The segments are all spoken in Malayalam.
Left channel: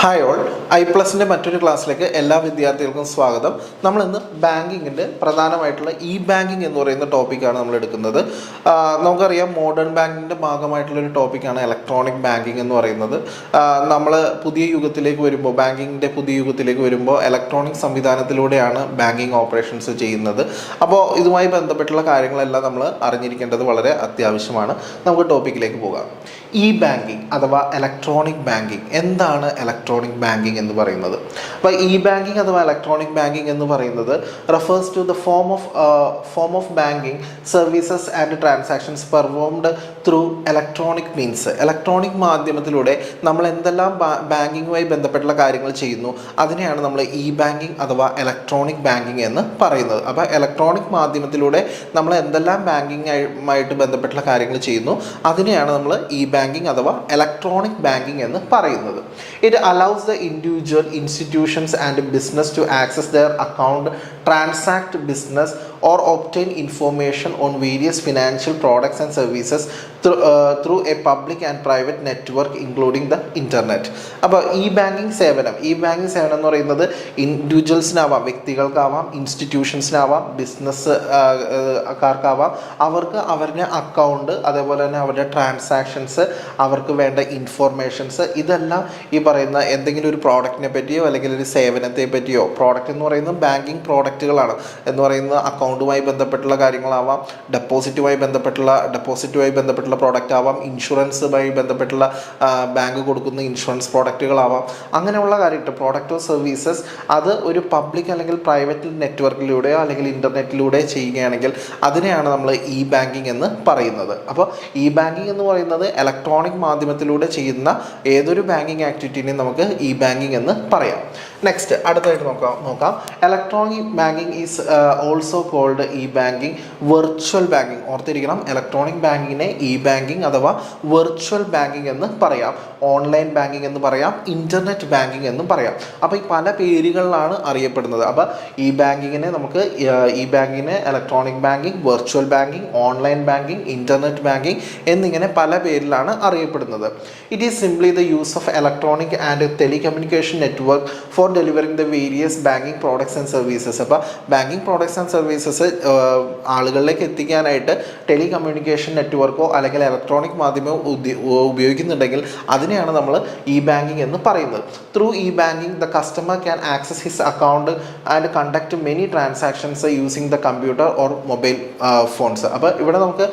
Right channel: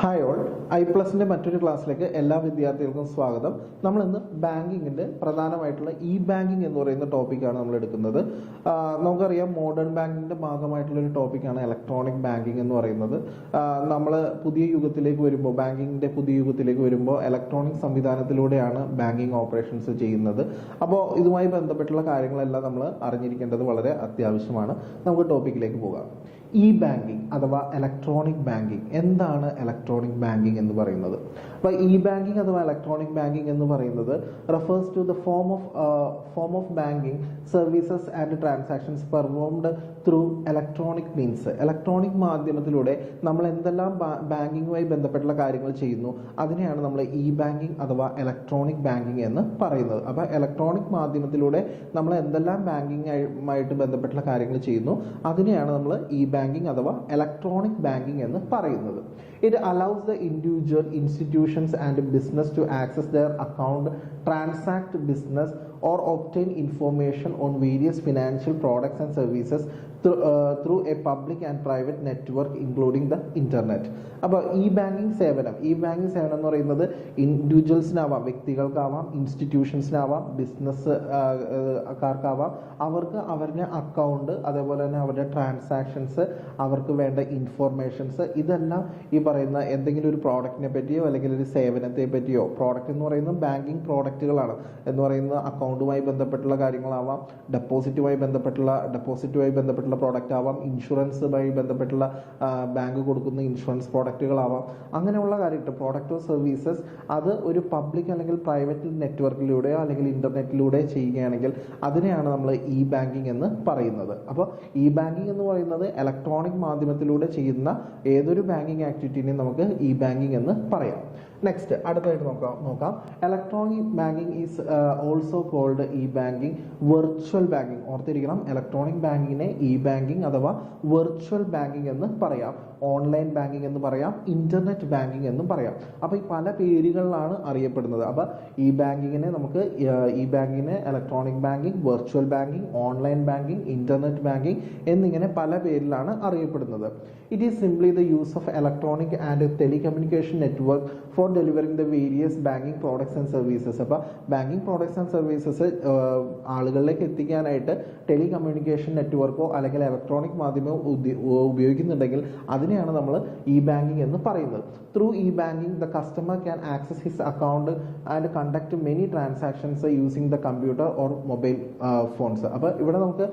ഹായ് ഓൾ, ഐ+ൻ്റെ മറ്റൊരു ക്ലാസ്സിലേക്ക് എല്ലാ വിദ്യാർത്ഥികൾക്കും സ്വാഗതം. നമ്മളിന്ന് ബാങ്കിങ്ങിൻ്റെ പ്രധാനമായിട്ടുള്ള ബാങ്കിങ് എന്ന് പറയുന്ന ടോപ്പിക്കാണ് നമ്മൾ എടുക്കുന്നത്. നമുക്കറിയാം, മോഡേൺ ബാങ്കിങ്ങിൻ്റെ ഭാഗമായിട്ടുള്ളൊരു ടോപ്പിക്കാണ് ഇലക്ട്രോണിക് ബാങ്കിങ് എന്ന് പറയുന്നത്. നമ്മൾ പുതിയ യുഗത്തിലേക്ക് വരുമ്പോൾ, ബാങ്കിങ്ങിൻ്റെ പുതിയ യുഗത്തിലേക്ക് വരുമ്പോൾ ഇലക്ട്രോണിക് സംവിധാനത്തിലൂടെയാണ് ബാങ്കിങ് ഓപ്പറേഷൻസ് ചെയ്യുന്നത്. അപ്പോൾ ഇതുമായി ബന്ധപ്പെട്ടുള്ള കാര്യങ്ങളെല്ലാം നമ്മൾ അറിഞ്ഞിരിക്കേണ്ടത് വളരെ അത്യാവശ്യമാണ്. നമുക്ക് ടോപ്പിക്കിലേക്ക് പോകാം. ബാങ്കിങ് അഥവാ ഇലക്ട്രോണിക് ബാങ്കിങ്. എന്താണ് ഇലക്ട്രോണിക് ബാങ്കിങ് എന്ന് പറയുന്നത്? അപ്പോൾ ബാങ്കിങ് അഥവാ ഇലക്ട്രോണിക് ബാങ്കിങ് എന്ന് പറയുന്നത് refers to the form of banking services and transactions performed through electronic means. ഇലക്ട്രോണിക് മാധ്യമത്തിലൂടെ നമ്മൾ എന്തെല്ലാം ബാങ്കിങ്ങുമായി ബന്ധപ്പെട്ടുള്ള കാര്യങ്ങൾ ചെയ്യുന്നു, അതിനെയാണ് നമ്മൾ ബാങ്കിങ് അഥവാ ഇലക്ട്രോണിക് ബാങ്കിങ് എന്ന് പറയുന്നത്. അപ്പോൾ ഇലക്ട്രോണിക് മാധ്യമത്തിലൂടെ നമ്മൾ എന്തെല്ലാം ബാങ്കിങ്ങുമായിട്ട് ബന്ധപ്പെട്ടുള്ള കാര്യങ്ങൾ ചെയ്യുന്നു, അതിനെയാണ് നമ്മൾ ബാങ്കിങ് അഥവാ ഇലക്ട്രോണിക് ബാങ്കിങ് എന്ന് പറയുന്നത്. It allows the individual, institutions and business to access their account, transact business or obtain information on various financial products and services through a public and private network including the internet. അപ്പോൾ ബാങ്കിങ് സേവനം എന്ന് പറയുന്നത് ഇൻഡിവിജ്വൽസിനാവാം, വ്യക്തികൾക്കാവാം, ഇൻസ്റ്റിറ്റ്യൂഷൻസിനാവാം, ബിസിനസ്സുകാർക്കാവാം. അവർക്ക് അവരുടെ അക്കൗണ്ട്, അതേപോലെ തന്നെ അവരുടെ ട്രാൻസാക്ഷൻസ്, അവർക്ക് വേണ്ട ഇൻഫോർമേഷൻസ്, ഇതെല്ലാം ഈ പറയുന്ന എന്തെങ്കിലും ഒരു പ്രോഡക്റ്റിനെ പറ്റിയോ അല്ലെങ്കിൽ ഒരു സേവനത്തെ പറ്റിയോ, പ്രോഡക്റ്റ് എന്ന് പറയുന്നത് ബാങ്കിങ് പ്രോഡക്റ്റുകളാണ് എന്ന് പറയുന്നത് അക്കൗണ്ടുമായി ബന്ധപ്പെട്ടുള്ള കാര്യങ്ങളാവാം, ഡെപ്പോസിറ്റുമായി ബന്ധപ്പെട്ടുള്ള പ്രോഡക്റ്റ് ആവാം, ഇൻഷുറൻസുമായി ബന്ധപ്പെട്ടുള്ള ബാങ്ക് കൊടുക്കുന്ന ഇൻഷുറൻസ് പ്രോഡക്റ്റുകളാവാം. അങ്ങനെയുള്ള കാര്യങ്ങൾ, പ്രോഡക്റ്റ് ഓഫ് സർവീസസ്, അത് ഒരു പബ്ലിക് അല്ലെങ്കിൽ പ്രൈവറ്റ് നെറ്റ്വർക്കിലൂടെയോ അല്ലെങ്കിൽ ഇൻ്റർനെറ്റിലൂടെ ചെയ്യുകയാണെങ്കിൽ അതിനെയാണ് നമ്മൾ ബാങ്കിങ് എന്ന് പറയുന്നത്. അപ്പോൾ ബാങ്കിങ് എന്ന് പറയുന്നത് ഇലക്ട്രോണിക് മാധ്യമത്തിലൂടെ ചെയ്യുന്ന ഏതൊരു ബാങ്കിങ് ആക്ടിവിറ്റീനെയും നമുക്ക് ബാങ്കിങ് എന്ന് പറയാം. നെക്സ്റ്റ് അടുത്തായിട്ട് നോക്കാം. Electronic banking is also called banking virtual banking. ഓർത്തിരിക്കണം, ഇലക്ട്രോണിക് ബാങ്കിങ്ങിനെ ബാങ്കിങ് അഥവാ വെർച്വൽ ബാങ്കിങ് എന്ന് പറയാം, ഓൺലൈൻ ബാങ്കിങ് എന്ന് പറയാം, ഇൻ്റർനെറ്റ് ബാങ്കിങ് എന്നും പറയാം. അപ്പോൾ ഈ പല പേരുകളിലാണ് അറിയപ്പെടുന്നത്. അപ്പോൾ ബാങ്കിങ്ങിനെ നമുക്ക് ബാങ്കിങ്ങിനെ electronic banking, virtual banking, online banking, internet banking എന്നിങ്ങനെ പല പേരിലാണ് അറിയപ്പെടുന്നത്. It is simply the use of electronic and telecommunication network for delivering the various banking products and services. അപ്പോൾ ബാങ്കിങ് പ്രോഡക്ട്സ് ആൻഡ് സർവീസസ് ആളുകളിലേക്ക് എത്തിക്കാനായിട്ട് ടെലികമ്മ്യൂണിക്കേഷൻ നെറ്റ്വർക്കോ അല്ലെങ്കിൽ ഇലക്ട്രോണിക് മാധ്യമമോ ഉപയോഗിക്കുന്നുണ്ടെങ്കിൽ അതിനെയാണ് നമ്മൾ ബാങ്കിങ് എന്ന് പറയുന്നത്. Through banking the customer can access his account and conduct many transactions using the computer or mobile phones. അപ്പോൾ ഇവിടെ നമുക്ക്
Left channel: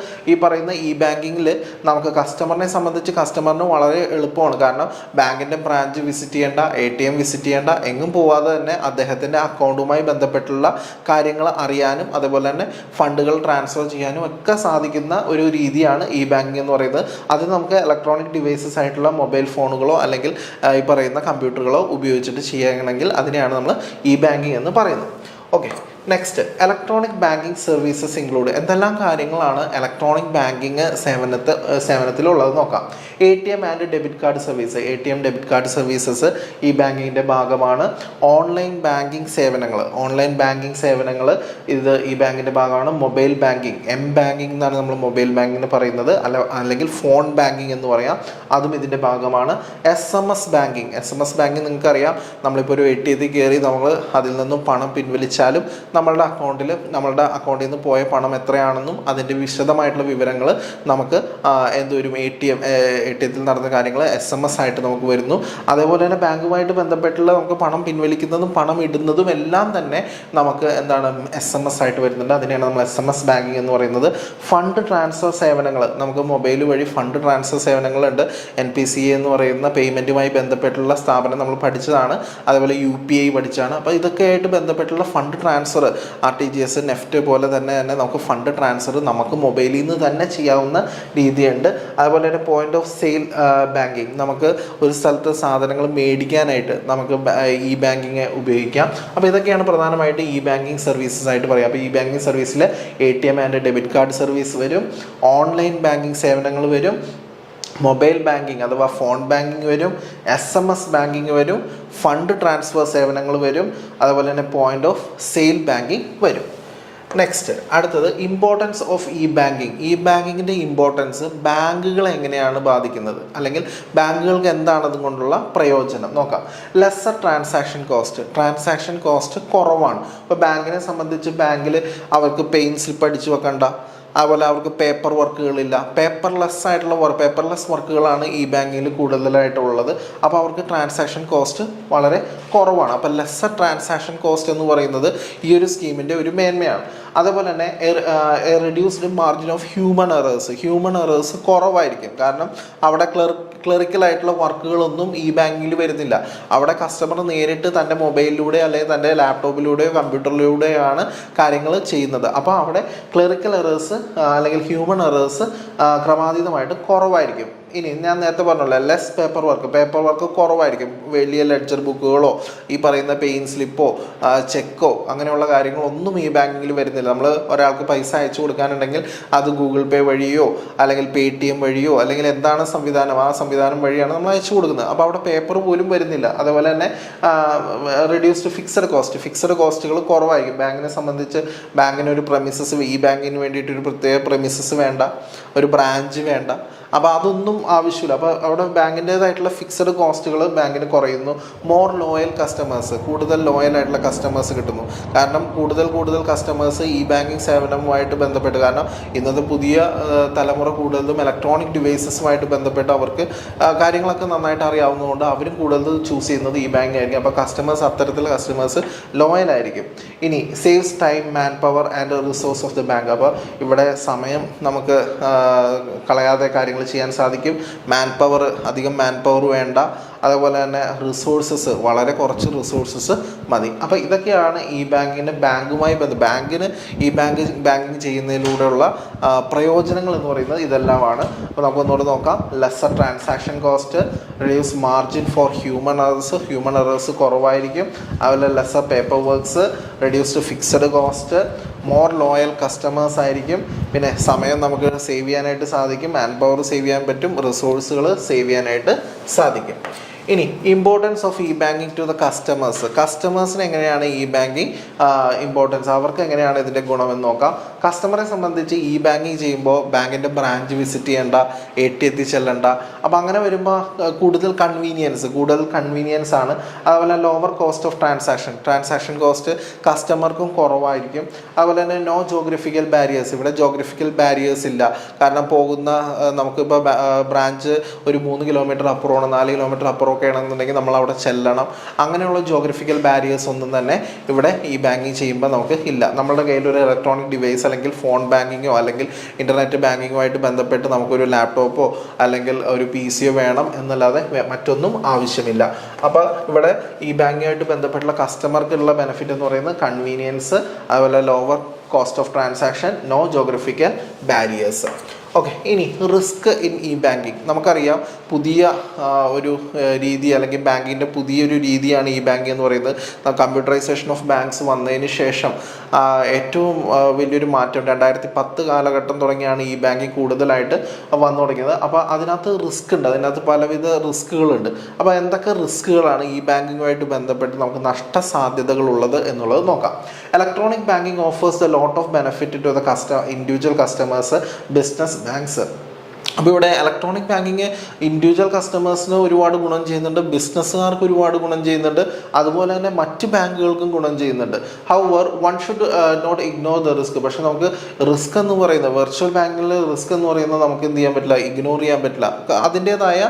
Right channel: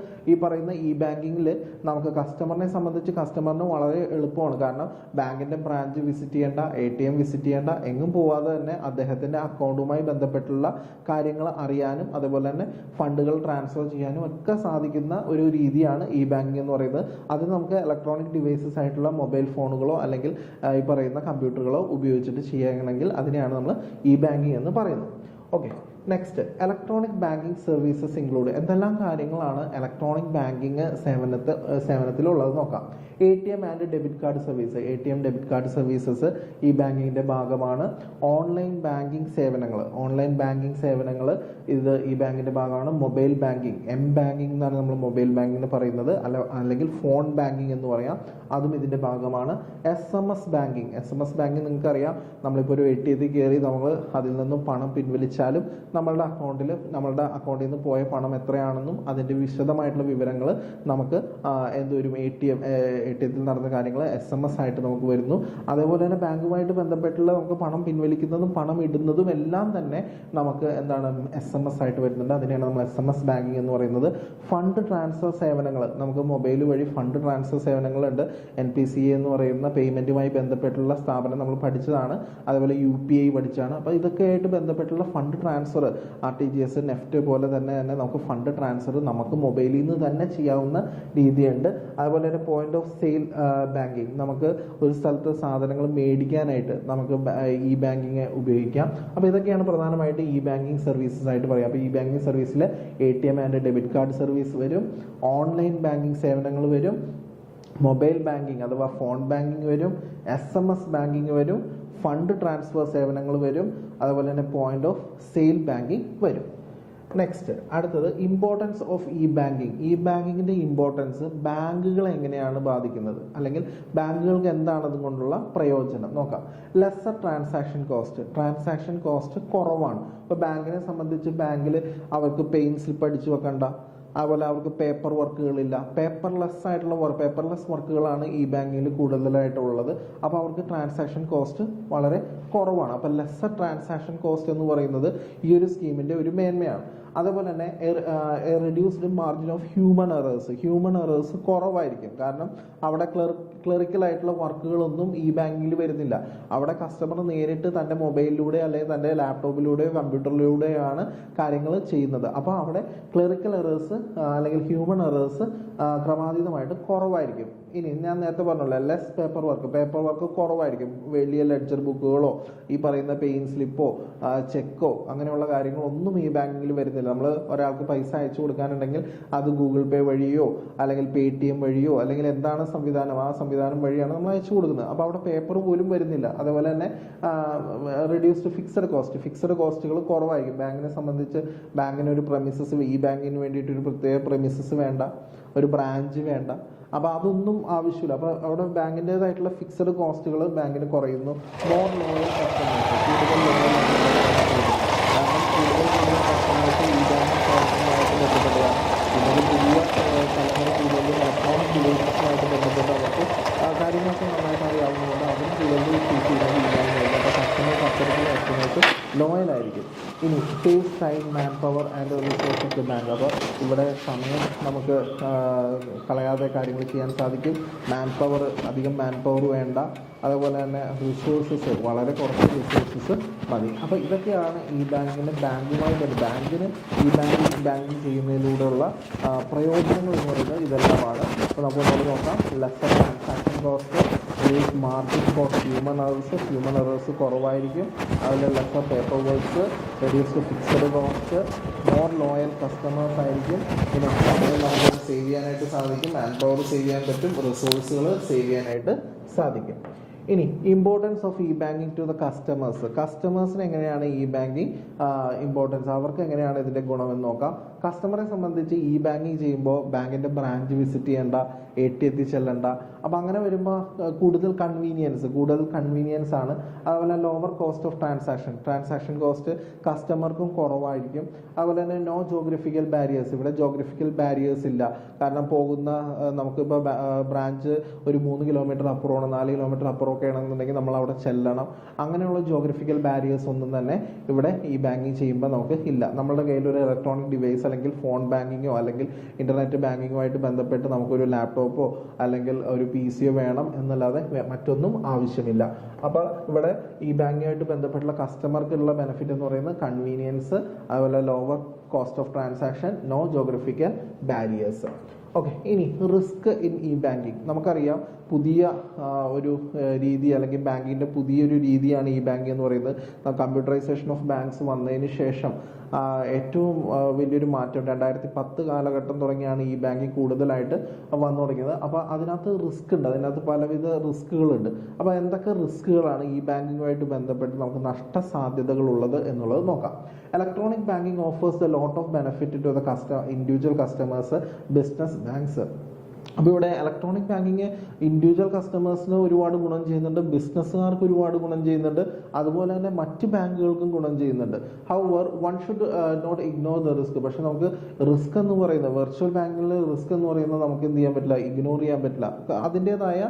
പറയുന്ന ബാങ്കിങ്ങിൽ നമുക്ക് കസ്റ്റമറിനെ സംബന്ധിച്ച് കസ്റ്റമറിന് വളരെ എളുപ്പമാണ്. കാരണം ബാങ്കിൻ്റെ ബ്രാഞ്ച് വിസിറ്റ് ചെയ്യേണ്ട, ATM വിസിറ്റ് ചെയ്യേണ്ട, എങ്ങും പോവാതെ തന്നെ അദ്ദേഹത്തിൻ്റെ അക്കൗണ്ടുമായി ബന്ധപ്പെട്ടുള്ള കാര്യങ്ങൾ അറിയാനും അതുപോലെ തന്നെ ഫണ്ടുകൾ ട്രാൻസ്ഫർ ചെയ്യാനും ഒക്കെ സാധിക്കുന്ന ഒരു രീതിയാണ് ബാങ്കിങ് എന്ന് പറയുന്നത്. അത് നമുക്ക് ഇലക്ട്രോണിക് ഡിവൈസസ് ആയിട്ടുള്ള മൊബൈൽ ഫോണുകളോ അല്ലെങ്കിൽ ഈ പറയുന്ന കമ്പ്യൂട്ടറുകളോ ഉപയോഗിച്ചിട്ട് ചെയ്യണമെങ്കിൽ അതിനെയാണ് നമ്മൾ ബാങ്കിങ് എന്ന് പറയുന്നത്. Okay, next electronic banking services include. എന്തെല്ലാം കാര്യങ്ങളാണ് ഇലക്ട്രോണിക് ബാങ്കിങ് സേവനത്തിലുള്ളത് നോക്കാം. ATM and debit card service. ATM debit card services ബാങ്കിങ്ങിൻ്റെ ഭാഗമാണ്. ഓൺലൈൻ ബാങ്കിങ് സേവനങ്ങൾ ഇത് ബാങ്കിൻ്റെ ഭാഗമാണ്. മൊബൈൽ ബാങ്കിങ്, ബാങ്കിങ് എന്നാണ് നമ്മൾ മൊബൈൽ ബാങ്കിങ്ങിന് പറയുന്നത്, അല്ലെങ്കിൽ ഫോൺ ബാങ്കിങ് എന്ന് പറയാം, അതും ഇതിൻ്റെ ഭാഗമാണ്. SMS ബാങ്കിങ് നിങ്ങൾക്കറിയാം, നമ്മളിപ്പോൾ ഒരു ATM കയറി നമ്മൾ അതിൽ നിന്നും പണം പിൻവലിച്ചാലും നമ്മളുടെ അക്കൗണ്ടിൽ നിന്ന് പോയ പണം എത്രയാണെന്നും അതിൻ്റെ വിശദമായിട്ടുള്ള വിവരങ്ങൾ നമുക്ക് എന്തൊരു ATMത്തിൽ നടന്ന കാര്യങ്ങൾ SMS ആയിട്ട് നമുക്ക് വരുന്നു. അതേപോലെ തന്നെ ബാങ്കുമായിട്ട് ബന്ധപ്പെട്ടുള്ള നമുക്ക് പണം പിൻവലിക്കുന്നതും പണം ഇടുന്നതും എല്ലാം തന്നെ നമുക്ക് SMS ആയിട്ട് വരുന്നുണ്ട്. അതിനെയാണ് നമ്മൾ SMS ബാങ്കിങ് എന്ന് പറയുന്നത്. ഫണ്ട് ട്രാൻസ്ഫർ സേവനങ്ങൾ, നമുക്ക് മൊബൈൽ വഴി ഫണ്ട് ട്രാൻസ്ഫർ സേവനങ്ങളുണ്ട്. NPCI എന്ന് പറയുന്ന പേയ്മെൻറ്റുമായി ബന്ധപ്പെട്ടുള്ള സ്ഥാപനം നമ്മൾ പഠിച്ചതാണ്. അതേപോലെ UPI പഠിച്ചാണ്. അപ്പോൾ ഇതൊക്കെ ആയിട്ട് ബന്ധപ്പെട്ടുള്ള ഫണ്ട് ട്രാൻസ്ഫർ, RTGS, നെഫ്റ്റ് പോലെ തന്നെ നമുക്ക് ഫണ്ട് ട്രാൻസ്ഫർ നമുക്ക് മൊബൈലിൽ നിന്ന് തന്നെ ചെയ്യാവുന്ന രീതിയുണ്ട്. അതുപോലെ തന്നെ പോയിന്റ് ഓഫ് സെയിൽ ബാങ്കിങ്, നമുക്ക് ഒരു സ്ഥലത്ത് സാധനങ്ങൾ മേടിക്കാനായിട്ട് നമുക്ക് ബാങ്കിങ് ഉപയോഗിക്കാം. അപ്പോൾ ഇതൊക്കെയാണ് പ്രധാനമായിട്ട് ബാങ്കിങ് സർവീസസ് ആയിട്ട് പറയാം. അപ്പോൾ ബാങ്കിങ് സർവീസിൽ ATM and debit card service വരും, ഓൺലൈൻ ബാങ്കിങ് സേവനങ്ങൾ വരും, മൊബൈൽ ബാങ്കിങ് അഥവാ ഫോൺ ബാങ്കിങ് വരും, SMS ബാങ്കിങ് വരും, ഫണ്ട് ട്രാൻസ്ഫർ സേവനങ്ങൾ വരും, അതുപോലെ തന്നെ പോയിന്റ് ഓഫ് സെയിൽ ബാങ്കിങ് വരും. നെക്സ്റ്റ് അടുത്തത് importance of e banking. E ബാങ്കിങ്ങിൻ്റെ ഇമ്പോർട്ടൻസ് ബാങ്കുകളെ എങ്ങനെയാണ് ബാധിക്കുന്നത്, അല്ലെങ്കിൽ ബാങ്കുകൾക്ക് എന്താണ് അതുകൊണ്ടുള്ള പ്രയോജനം നോക്കാം. ലെസ്സർ ട്രാൻസാക്ഷൻ കോസ്റ്റ് കുറവാണ്. ഇപ്പോൾ ബാങ്കിനെ സംബന്ധിച്ച് ബാങ്കിൽ അവർക്ക് പെയിൻ സ്ലിപ്പ് അടിച്ചു വെക്കണ്ട, അതുപോലെ അവർക്ക് പേപ്പർ വർക്കുകളില്ല. പേപ്പർലെസ് വർക്കുകളാണ് ഈ ബാങ്കിൽ കൂടുതലായിട്ടുള്ളത്. അപ്പോൾ അവർക്ക് ട്രാൻസാക്ഷൻ കോസ്റ്റ് വളരെ കുറവാണ്. അപ്പോൾ ലെസ്സർ ട്രാൻസാക്ഷൻ കോസ്റ്റ് എന്ന് പറയുന്നത് ഈ ഒരു സ്കീമിൻ്റെ ഒരു മേന്മയാണ്. അതേപോലെ തന്നെ reduced margin of human errors കുറവായിരിക്കും. കാരണം അവിടെ ക്ലറിക്കലായിട്ടുള്ള വർക്കുകളൊന്നും ഈ ബാങ്കിൽ വരുന്നില്ല. അവിടെ കസ്റ്റമർ നേരിട്ട് തൻ്റെ മൊബൈലിലൂടെ അല്ലെങ്കിൽ തൻ്റെ ലാപ്ടോപ്പിലൂടെയോ കമ്പ്യൂട്ടറിലൂടെയാണ് കാര്യങ്ങൾ ചെയ്യുന്നത്. അപ്പോൾ അവിടെ ക്ലറിക്കൽ എറേഴ്സ് അല്ലെങ്കിൽ ഹ്യൂമൻ എറേഴ്സ് ക്രമാതീതമായിട്ട് കുറവായിരിക്കും. ഇനി ഞാൻ നേരത്തെ പറഞ്ഞല്ലോ, ലെസ് പേപ്പർ വർക്ക് കുറവായിരിക്കും. വലിയ ലെഡ്ജർ ബുക്കുകളോ ഈ പറയുന്ന പെയിൻ സ്ലിപ്പോ ചെക്കോ അങ്ങനെയുള്ള കാര്യങ്ങളൊന്നും ഈ ബാങ്കിൽ വരുന്നില്ല. നമ്മൾ ഒരാൾക്ക് പൈസ അയച്ചു കൊടുക്കാനുണ്ടെങ്കിൽ അത് ഗൂഗിൾ പേ വഴിയോ അല്ലെങ്കിൽ Paytm വഴിയോ അല്ലെങ്കിൽ എന്താണ് സംവിധാനം, ആ സംവിധാനം വഴിയാണ് നമ്മൾ അയച്ചു കൊടുക്കുന്നത്. അപ്പോൾ അവിടെ പേപ്പർ പോലും വരുന്നില്ല. അതുപോലെ തന്നെ റെഡ്യൂസ്ഡ് ഫിക്സഡ് കോസ്റ്റുകൾ കുറവായിരിക്കും. ബാങ്കിനെ സംബന്ധിച്ച് ബാങ്കിന് ഒരു പ്രമിസസ്, ഈ ബാങ്കിന് വേണ്ടിയിട്ട് ഒരു പ്രത്യേക പ്രമിസസ് വേണ്ട, ഒരു ബ്രാഞ്ച് വേണ്ട. അപ്പോൾ അതൊന്നും ആവശ്യമില്ല. അപ്പോൾ അവിടെ ബാങ്കിൻ്റേതായിട്ടുള്ള ഫിക്സഡ് കോസ്റ്റുകൾ ബാങ്കിന് കുറയുന്നു. മോർ ലോയൽ കസ്റ്റമേഴ്സ്, കൂടുതൽ ലോയലായിട്ടുള്ള കസ്റ്റമേഴ്സ് കിട്ടുന്നു. കാരണം കൂടുതൽ കസ്റ്റമേഴ്സ് ഈ ബാങ്കിങ് സേവനവുമായിട്ട് ബന്ധപ്പെട്ട്, കാരണം ഇന്നത്തെ പുതിയ തലമുറ കൂടുതലും ഇലക്ട്രോണിക് ഡിവൈസസുമായിട്ട് ബന്ധപ്പെട്ട് അവർക്ക് കാര്യങ്ങളൊക്കെ നന്നായിട്ട് അറിയാവുന്നതുകൊണ്ട് അവരും കൂടുതൽ ചൂസ് ചെയ്യുന്നത് ഈ ബാങ്ക് ആയിരിക്കും. അപ്പോൾ അത്തരത്തിലുള്ള കസ്റ്റമേഴ്സ് ലോയലായിരിക്കും. ഇനി saves time, man power and resource of the bank. അപ്പോൾ ഇവിടെ സമയം നമുക്ക് കളയാതെ കാര്യങ്ങൾ ചെയ്യാൻ സാധിക്കും. അധികം മാൻ പവർ വേണ്ട. അതുപോലെ തന്നെ റിസോഴ്സസ്, വളരെ കുറച്ച് റിസോഴ്സസ് മതി. അപ്പോൾ ഇതൊക്കെയാണ് ഈ ബാങ്കിൻ്റെ ബാങ്കുമായി ബാങ്കിന് ഈ ബാങ്കിങ് ചെയ്യുന്നതിലൂടെയുള്ള പ്രയോജനങ്ങൾ എന്ന് പറയുന്നത് ഇതെല്ലാമാണ്. അപ്പോൾ നമുക്കൊന്നുകൂടെ നോക്കാം. Lesser transaction cost, reduce margin for human errors കുറവായിരിക്കും. അതുപോലെ lesser paper works, reduced fixed cost, more loyal customers ആയിരിക്കും. പിന്നെ സമയം നമുക്ക് സേവ് ചെയ്യാനായിട്ട് സാധിക്കും, മാൻ പവർ സേവ് ചെയ്യാൻ പറ്റും, റിസോഴ്സുകൾ സേവ് ചെയ്യാനായിട്ട് സാധിക്കും. ഇനി importance of e banking to the കസ്റ്റമേഴ്സിന് എങ്ങനെയാണ് ഇ ബാങ്കിങ് ഇമ്പോർട്ടൻസ്, അവർക്ക് എങ്ങനെയാണ് ഇതിൻ്റെ ഗുണമെന്ന് നോക്കാം. കസ്റ്റമറെ സംബന്ധിച്ച് ഇ ബാങ്കിങ് ചെയ്യുമ്പോൾ ബാങ്കിൻ്റെ ബ്രാഞ്ച് വിസിറ്റ് ചെയ്യേണ്ട, എത്തി ചെല്ലണ്ട. അപ്പോൾ അങ്ങനെ വരുമ്പോൾ കൂടുതൽ കൺവീനിയൻസ് ആണ്. അതുപോലെ lower cost of transaction cost കസ്റ്റമർക്കും കുറവായിരിക്കും. അതുപോലെ തന്നെ നോ ജോഗ്രഫിക്കൽ ബാരിയേഴ്സ്, ഇവിടെ ജോഗ്രഫിക്കൽ ബാരിയേഴ്സ് ഇല്ല. കാരണം നമുക്കിപ്പോൾ ബ്രാഞ്ച് ഒരു 3 കിലോമീറ്റർ അപ്പുറമാണ്, 4 കിലോമീറ്റർ അപ്പുറം ഒക്കെ ആണെന്നുണ്ടെങ്കിൽ നമ്മൾ അവിടെ ചെല്ലണം. അങ്ങനെയുള്ള ജോഗ്രഫിക്കൽ ബാരിയേഴ്സ് ഒന്നും തന്നെ ഇവിടെ ഈ ബാങ്കിങ് ചെയ്യുമ്പോൾ നമുക്ക് ഇല്ല. നമ്മുടെ കയ്യിൽ ഒരു ഇലക്ട്രോണിക് ഡിവൈസ് അല്ലെങ്കിൽ ഫോൺ ബാങ്കിങ്ങോ അല്ലെങ്കിൽ ഇൻ്റർനെറ്റ് ബാങ്കിങ്ങുമായിട്ട് ബന്ധപ്പെട്ട് നമുക്കൊരു ലാപ്ടോപ്പോ അല്ലെങ്കിൽ ഒരു PC വേണം എന്നല്ലാതെ മറ്റൊന്നും ആവശ്യമില്ല. അപ്പോൾ ഇവിടെ ഈ ബാങ്കിങ്ങുമായിട്ട് ബന്ധപ്പെട്ടുള്ള കസ്റ്റമർക്കുള്ള ബെനിഫിറ്റ് എന്ന് പറയുന്നത് കൺവീനിയൻസ്, അതുപോലെ lower cost of transaction, no geographical barriers. Okay, ഇനി റിസ്ക് ഇൻ ഇ ബാങ്കിങ്. നമുക്കറിയാം പുതിയ ഒരു രീതി അല്ലെങ്കിൽ ബാങ്കിൻ്റെ പുതിയൊരു രീതിയാണ് ഇ ബാങ്കിങ് എന്ന് പറയുന്നത്. കമ്പ്യൂട്ടറൈസേഷൻ ഓഫ് ബാങ്ക്സ് വന്നതിന് ശേഷം ഏറ്റവും വലിയൊരു മാറ്റം 2010 കാലഘട്ടം തുടങ്ങിയാണ് ഇ ബാങ്കിങ് കൂടുതലായിട്ട് വന്നു തുടങ്ങിയത്. അപ്പോൾ അതിനകത്ത് അതിനകത്ത് പലവിധ റിസ്കുകളുണ്ട്. അപ്പോൾ എന്തൊക്കെ റിസ്കുകളാണ് ഈ ബാങ്കിങ്ങുമായിട്ട് ബന്ധപ്പെട്ട് നമുക്ക് നഷ്ടസാധ്യതകളുള്ളത് എന്നുള്ളത് നോക്കാം. Electronic banking offers the lot of benefit to the individual customers, business banks. അപ്പോൾ ഇവിടെ ഇലക്ട്രോണിക് ബാങ്കിങ് ഇൻഡിവിജ്വൽ കസ്റ്റമേഴ്സിന് ഒരുപാട് ഗുണം ചെയ്യുന്നുണ്ട്, ബിസിനസ്സുകാർക്ക് ഒരുപാട് ഗുണം ചെയ്യുന്നുണ്ട്, അതുപോലെ തന്നെ മറ്റ് ബാങ്കുകൾക്കും ഗുണം ചെയ്യുന്നുണ്ട്. However one should not ignore the risk. പക്ഷേ നമുക്ക് റിസ്ക് എന്ന് പറയുന്നത്, വെർച്വൽ ബാങ്കിൽ റിസ്ക് എന്ന് പറയുന്നത് നമുക്ക് എന്ത് ചെയ്യാൻ പറ്റില്ല, ഇഗ്നോർ ചെയ്യാൻ പറ്റില്ല. അതിൻ്റേതായ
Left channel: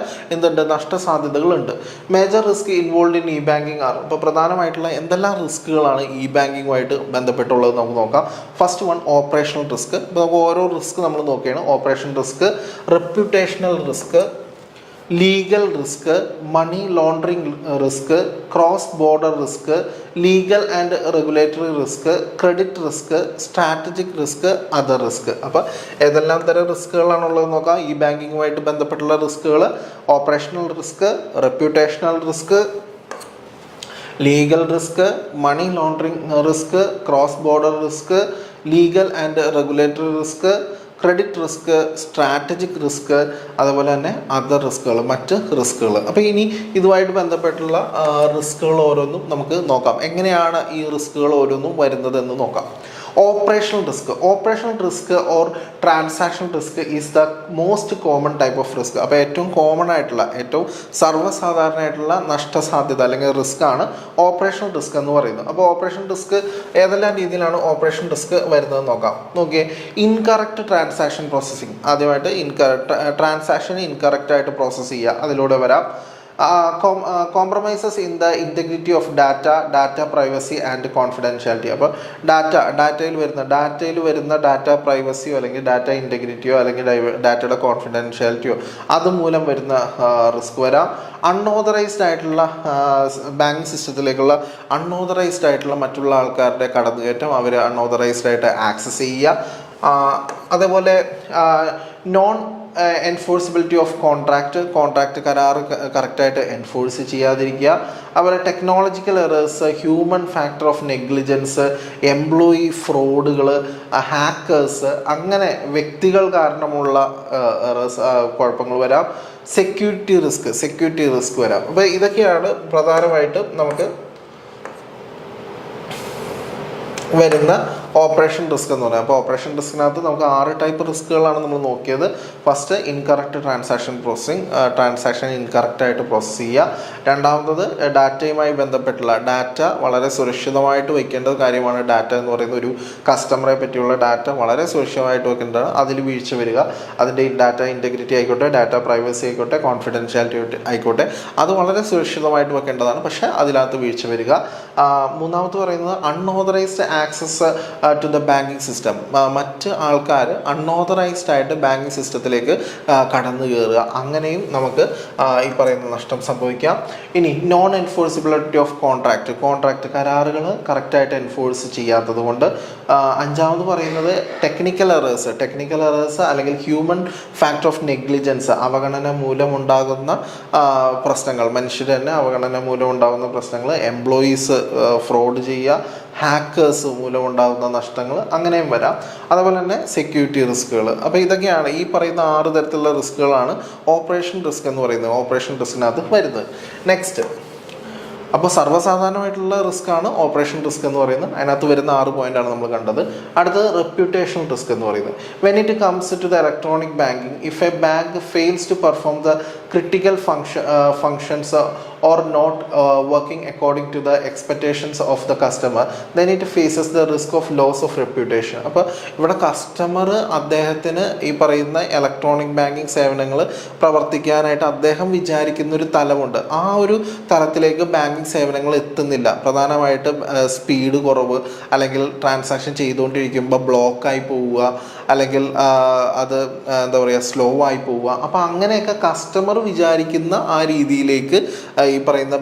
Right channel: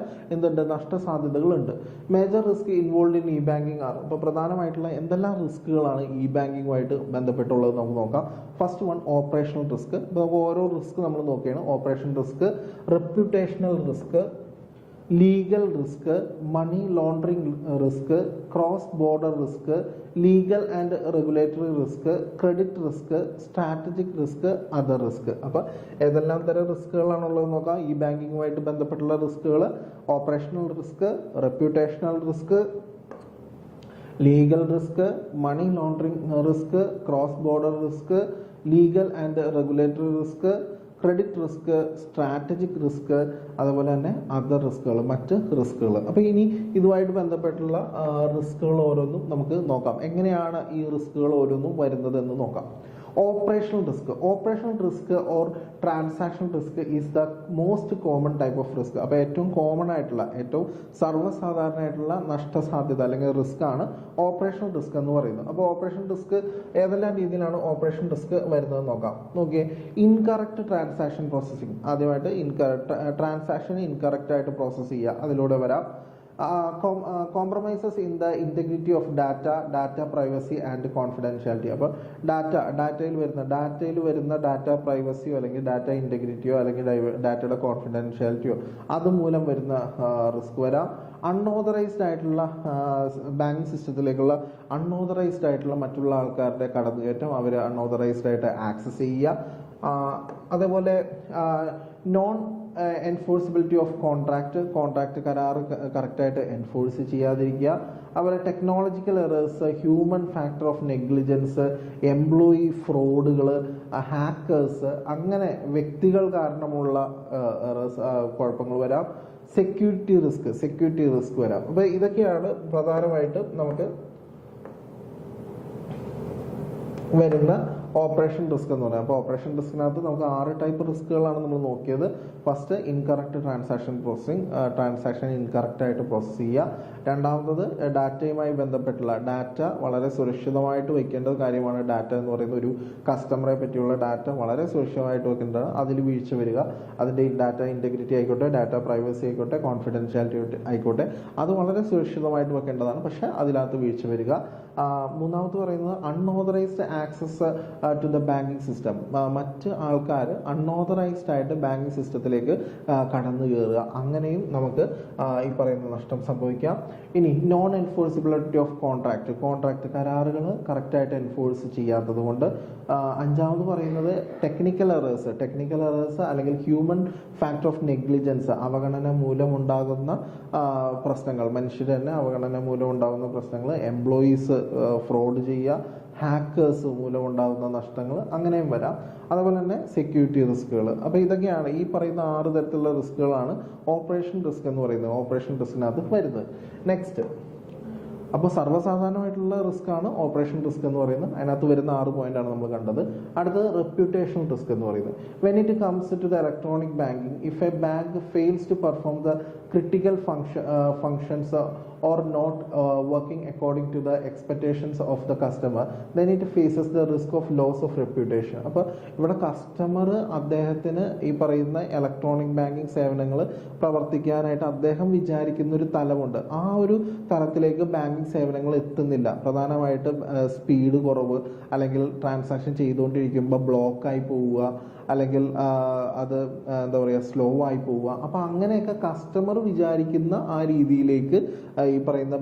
നഷ്ടസാധ്യതകളുണ്ട്. Major risk involve in e banking are. ഇപ്പോൾ പ്രധാനമായിട്ടുള്ള എന്തെല്ലാം റിസ്കുകളാണ് ഇ ബാങ്കിങ്ങുമായിട്ട് ബന്ധപ്പെട്ടുള്ളത് നമുക്ക് നോക്കാം. First one, operational risk. ഇപ്പോൾ നമുക്ക് ഓരോ റിസ്ക് നമ്മൾ നോക്കുകയാണ്. Operation risk, reputational risk, legal risk, money laundering risk, cross border risk, legal and regulatory risk, credit risk, strategic risk, other risk. അപ്പോൾ ഏതെല്ലാം തരം റിസ്കുകളാണുള്ളത് നോക്കാം. ഈ ബാങ്കിങ്ങുമായിട്ട് ബന്ധപ്പെട്ടുള്ള റിസ്കുകൾ: operational risk, reputational risk, legal risk, money laundering risk, cross border risk, legal and regulatory risk, credit risk, strategic risk, അതുപോലെ തന്നെ അതർ റിസ്കുകൾ, മറ്റ് റിസ്കുകൾ. അപ്പോൾ ഇനി ഇതുമായിട്ട് ബന്ധപ്പെട്ടുള്ള റിസ്കുകൾ ഓരോന്നും നമുക്ക് നോക്കാം. എങ്ങനെയാണ് ഈ റിസ്കുകൾ ഓരോന്നും വരുന്നതെന്ന് നോക്കാം. Operational risk or transaction risk is the most common type of risk. അപ്പോൾ ഏറ്റവും കോമൺ ആയിട്ടുള്ള, ഏറ്റവും സർവ്വസാധാരണമായിട്ടുള്ള നഷ്ടസാധ്യത അല്ലെങ്കിൽ റിസ്ക് ആണ് ഓപ്പറേഷണൽ റിസ്ക് എന്ന് പറയുന്നത്. അപ്പോൾ ഓപ്പറേഷൻ റിസ്ക് ഏതെല്ലാം രീതിയിലാണ് ഓപ്പറേഷൻ റിസ്ക് വരുന്നത് നോക്കാം. നോക്കിയേ, ഇൻകറക്റ്റ് ട്രാൻസാക്ഷൻ പ്രോസസ്സിങ്. ആദ്യമായിട്ട് ട്രാൻസാക്ഷൻ ഇൻകറക്റ്റ് ആയിട്ട് പ്രോസസ്സ് ചെയ്യുക, അതിലൂടെ വരാം. Compromises in the integrity of data privacy and confidentiality. അപ്പോൾ ഡാറ്റയിൽ വരുന്ന ഡാറ്റ പ്രൈവസിയോ അല്ലെങ്കിൽ ഡാറ്റ ഇൻറ്റഗ്രിറ്റിയോ അല്ലെങ്കിൽ ഡാറ്റയുടെ കോൺഫിഡൻഷ്യാലിറ്റിയോ അതുമൂലം വരുന്ന റിസ്ക് വരാം. അൺഓതറൈസ്ഡ് ആയിട്ടുള്ള ബാങ്കിങ് സിസ്റ്റത്തിലേക്കുള്ള അൺഓതറൈസ്ഡ് ആയിട്ടുള്ള മറ്റുള്ള ആൾക്കാരുടെ കടന്നുകയറ്റം, അവർ അൺഓതറൈസ്ഡ് ആയിട്ട് ആക്സസ് ചെയ്യുക. അതേപോലെ നോൺ എൻഫോഴ്സിബിലിറ്റി ഓഫ് കോൺട്രാക്റ്റ് കരാർ കറക്റ്റായിട്ട് എൻഫോഴ്സ് ചെയ്യാതിരിക്കുക. അതുപോലെ technological errors, human factor of negligence, employee ഫ്രോഡുകൾ, ഹാക്കേഴ്സ്, അങ്ങനെ വ്യക്തികൾ കാരണമുള്ള എറേഴ്സ്, കുഴപ്പങ്ങൾ വരാം. സെക്യൂരിറ്റി റിസ്ക് വരാം. അപ്പോൾ ഇതൊക്കെയാണ് പ്രധാനമായിട്ടും നമുക്ക് വരുന്ന ഓപ്പറേഷൻ റിസ്ക് എന്ന് പറയുന്നത്. അപ്പോൾ ഓപ്പറേഷൻ റിസ്കിനകത്ത് നമുക്ക് 6 ടൈപ്പ് റിസ്കുകളാണ് നമ്മൾ നോക്കിയത്. First, incorrect transaction processing, transaction incorrect ആയിട്ട് പ്രോസസ്സ് ചെയ്യുക. രണ്ടാമത്തത്, ഡാറ്റയുമായി ബന്ധപ്പെട്ടുള്ള ഡാറ്റ വളരെ സുരക്ഷിതമായിട്ട് വയ്ക്കേണ്ട കാര്യമാണ്. ഡാറ്റ എന്ന് പറയുന്ന ഒരു കസ്റ്റമറെ പറ്റിയുള്ള ഡാറ്റ വളരെ സുരക്ഷിതമായിട്ട് വെക്കേണ്ടതാണ്. അതിൽ വീഴ്ച വരിക, അതിൻ്റെ ഡാറ്റ ഇൻറ്റഗ്രിറ്റി ആയിക്കോട്ടെ, ഡാറ്റ പ്രൈവസി ആയിക്കോട്ടെ, കോൺഫിഡൻഷ്യാലിറ്റി ആയിക്കോട്ടെ, അത് വളരെ സുരക്ഷിതമായിട്ട് വെക്കേണ്ടതാണ്. പക്ഷേ അതിനകത്ത് വീഴ്ച വരിക. മൂന്നാമത് പറയുന്നത് unauthorised access to the banking system. മറ്റ് ആൾക്കാർ അൺഓതറൈസ്ഡ് ആയിട്ട് ബാങ്കിങ് സിസ്റ്റത്തിലേക്ക് കടന്നു കയറുക, അങ്ങനെയും നമുക്ക് ഈ പറയുന്ന നഷ്ടം സംഭവിക്കാം. ഇനി നോൺ എൻഫോഴ്സിബിലിറ്റി ഓഫ് കോൺട്രാക്റ്റ് കരാറുകൾ കറക്റ്റായിട്ട് എൻഫോഴ്സ് ചെയ്യാത്തത് കൊണ്ട്. അഞ്ചാമത് പറയുന്നത് ടെക്നിക്കൽ എറേഴ്സ് അല്ലെങ്കിൽ ഹ്യൂമൻ ഫാക്ടർ ഓഫ് നെഗ്ലിജൻസ്, അവഗണന മൂലമുണ്ടാകുന്ന പ്രശ്നങ്ങൾ, മനുഷ്യർ തന്നെ അവഗണന മൂലമുണ്ടാകുന്ന പ്രശ്നങ്ങൾ, എംപ്ലോയീസ് ഫ്രോഡ് ചെയ്യുക, ഹാക്കേഴ്സ് മൂലമുണ്ടാകുന്ന നഷ്ടങ്ങൾ, അങ്ങനെയും വരാം. അതുപോലെ തന്നെ സെക്യൂരിറ്റി റിസ്കുകൾ. അപ്പോൾ ഇതൊക്കെയാണ് ഈ പറയുന്ന 6 തരത്തിലുള്ള റിസ്കുകളാണ് ഓപ്പറേഷൻ റിസ്ക് എന്ന് പറയുന്നത്, ഓപ്പറേഷൻ റിസ്കിനകത്ത് വരുന്നത്. നെക്സ്റ്റ്, അപ്പോൾ സർവ്വസാധാരണമായിട്ടുള്ള റിസ്ക് ആണ് ഓപ്പറേഷൻ റിസ്ക് എന്ന് പറയുന്നത്. അതിനകത്ത് വരുന്ന 6 പോയിന്റാണ് നമ്മൾ കണ്ടത്. അടുത്തത് റെപ്യൂട്ടേഷണൽ റിസ്ക് എന്ന് പറയുന്നത്. When it comes to the electronic banking, if a bank fails to perform the critical functions or not working according to the expectations of the customer, then it faces the risk of loss of reputation. അപ്പോൾ ഇവിടെ കസ്റ്റമർ അദ്ദേഹത്തിന് ഈ പറയുന്ന ഇലക്ട്രോണിക് ബാങ്കിങ് സേവനങ്ങൾ പ്രവർത്തിക്കാനായിട്ട് അദ്ദേഹം വിചാരിക്കുന്ന ഒരു തലമുണ്ട്. ആ ഒരു തലത്തിലേക്ക് ബാങ്കിങ് സേവനങ്ങൾ എത്തുന്നില്ല. പ്രധാനമായിട്ടും സ്പീഡ് കുറവ്, അല്ലെങ്കിൽ ട്രാൻസാക്ഷൻ ചെയ്തുകൊണ്ടിരിക്കുമ്പോൾ ബ്ലോക്കായി പോവുക, അല്ലെങ്കിൽ അത് എന്താ പറയുക സ്ലോ ആയി പോവുക. അപ്പോൾ അങ്ങനെയൊക്കെ കസ്റ്റമർ വിചാരിക്കുന്ന ആ രീതിയിലേക്ക് ഈ പറയുന്ന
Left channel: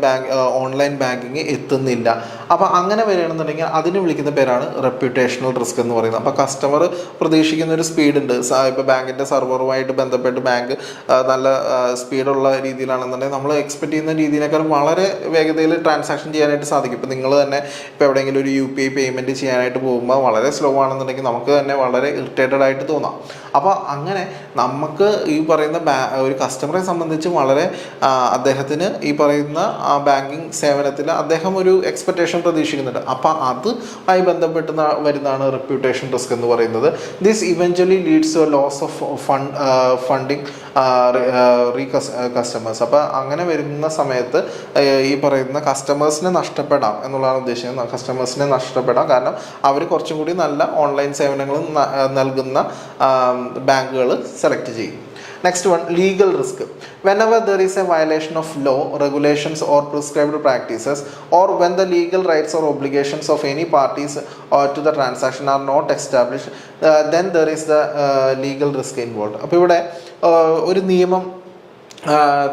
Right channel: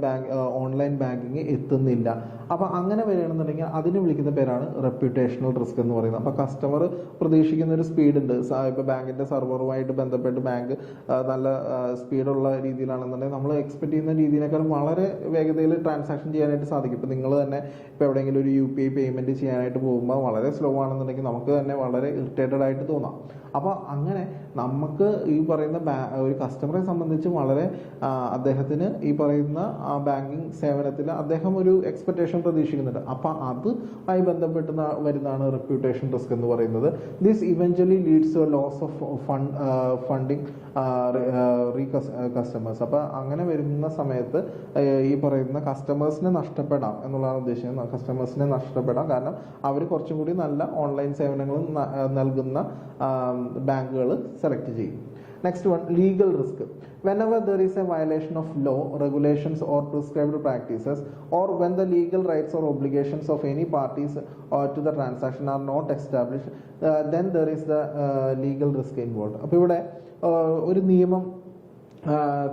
ഓൺലൈൻ ബാങ്കിങ് എത്തുന്നില്ല. അപ്പോൾ അങ്ങനെ വരികയാണെന്നുണ്ടെങ്കിൽ അതിന് വിളിക്കുന്ന പേരാണ് റെപ്യൂട്ടേഷണൽ റിസ്ക് എന്ന് പറയുന്നത്. അപ്പോൾ കസ്റ്റമർ പ്രതീക്ഷിക്കുന്ന ഒരു സ്പീഡുണ്ട്. ഇപ്പോൾ ബാങ്കിൻ്റെ സെർവറുമായിട്ട് ബന്ധപ്പെട്ട് ബാങ്ക് നല്ല സ്പീഡുള്ള രീതിയിലാണെന്നുണ്ടെങ്കിൽ നമ്മൾ എക്സ്പെക്ട് ചെയ്യുന്ന രീതിയിനേക്കാൾ വളരെ വേഗതയിൽ ട്രാൻസാക്ഷൻ ചെയ്യാനായിട്ട് സാധിക്കും. ഇപ്പോൾ നിങ്ങൾ തന്നെ ഇപ്പോൾ എവിടെയെങ്കിലും ഒരു UPI പേയ്മെൻറ്റ് ചെയ്യാനായിട്ട് പോകുമ്പോൾ വളരെ സ്ലോ ആണെന്നുണ്ടെങ്കിൽ നമുക്ക് തന്നെ വളരെ ഇറിറ്റേറ്റഡ് ആയിട്ട് തോന്നാം. അപ്പോൾ അങ്ങനെ നമുക്ക് ഈ പറയുന്ന ഒരു കസ്റ്റമറെ സംബന്ധിച്ച് വളരെ അദ്ദേഹത്തിന് ഈ പറയുന്ന ബാങ്കിങ് സേവനത്തിൽ അദ്ദേഹം ഒരു എക്സ്പെക്റ്റേഷൻ പ്രതീക്ഷിക്കുന്നുണ്ട്. അപ്പോൾ അതുമായി ബന്ധപ്പെട്ട് വരുന്നതാണ് റെപ്യൂട്ടേഷൻ റിസ്ക് എന്ന് പറയുന്നത്. This eventually leads to loss of funding customers. അപ്പോൾ അങ്ങനെ വരുന്ന സമയത്ത് ഈ പറയുന്ന കസ്റ്റമേഴ്സിനെ നഷ്ടപ്പെടാം എന്നുള്ളതാണ് ഉദ്ദേശിക്കുന്നത്. കസ്റ്റമേഴ്സിനെ നഷ്ടപ്പെടാം, കാരണം അവർ കുറച്ചും കൂടി നല്ല ഓൺലൈൻ സേവനങ്ങൾ നൽകുന്ന ബാങ്കുകൾ സെലക്ട് ചെയ്യും. Next one, legal risk. Whenever there is a violation of law, regulations or prescribed practices, or when the legal rights or obligations of any parties to the transaction are not established, then there is the legal risk involved. അപ്പോൾ ഇവിടെ ഒരു നിയമം